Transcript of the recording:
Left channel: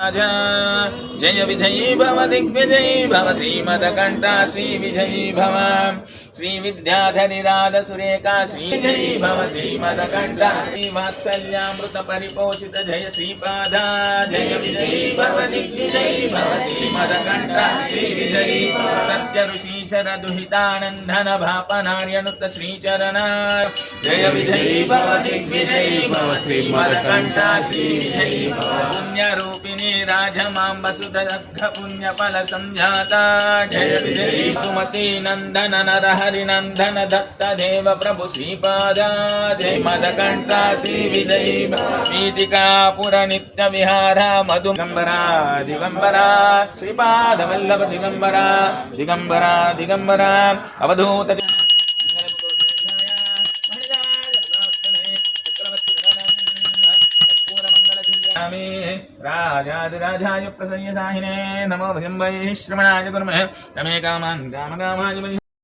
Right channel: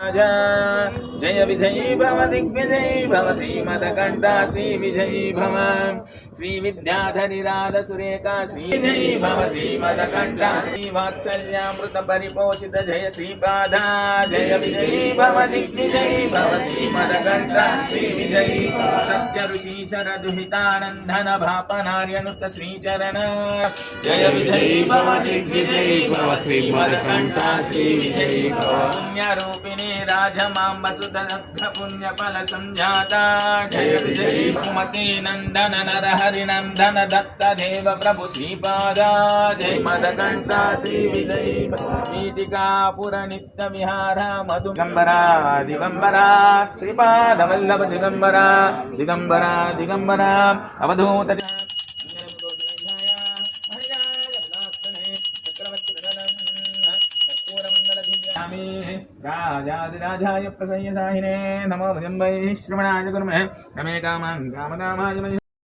जय विजयी भव दिग्विजयी भव श्रीमदकण्ठा श्री विजयी भव श्री विद्याधरी राध सुरेखा श्री विजयी भव श्रीमदकण्ठा श्री वात्सल्यामृत परिपोषित जय श्रीपादा जय विजयी भव दिग्विजयी भव श्रीमदकण्ठा श्री विजयी सत्य ऋषीशर दुहितानन्दन भापनार्यनुत श्रीचरण जय विजयी भव दिग्विजयी भव श्रीमदकण्ठा श्री विजयी भव पुण्यरूपिणी राजमां वसुदग्ध पुण्यफल संजाता जय विजयी सुमति नंदन नरहरि नंदन दत्त देव प्रभु श्रीपादा जय मदकण्ठा श्री विजयी पीठिका पुर नित्य विहार मधु दिगंबरा दिगंबरा श्रीपाद वल्लभ दिगंबरा दिगंबरा दिगंबरा अवधूत राजाधिराजाय प्रसन्न साहिने नमो भजम्बैः श्रवणाय कुर्मः नमे कामान् कामकामाय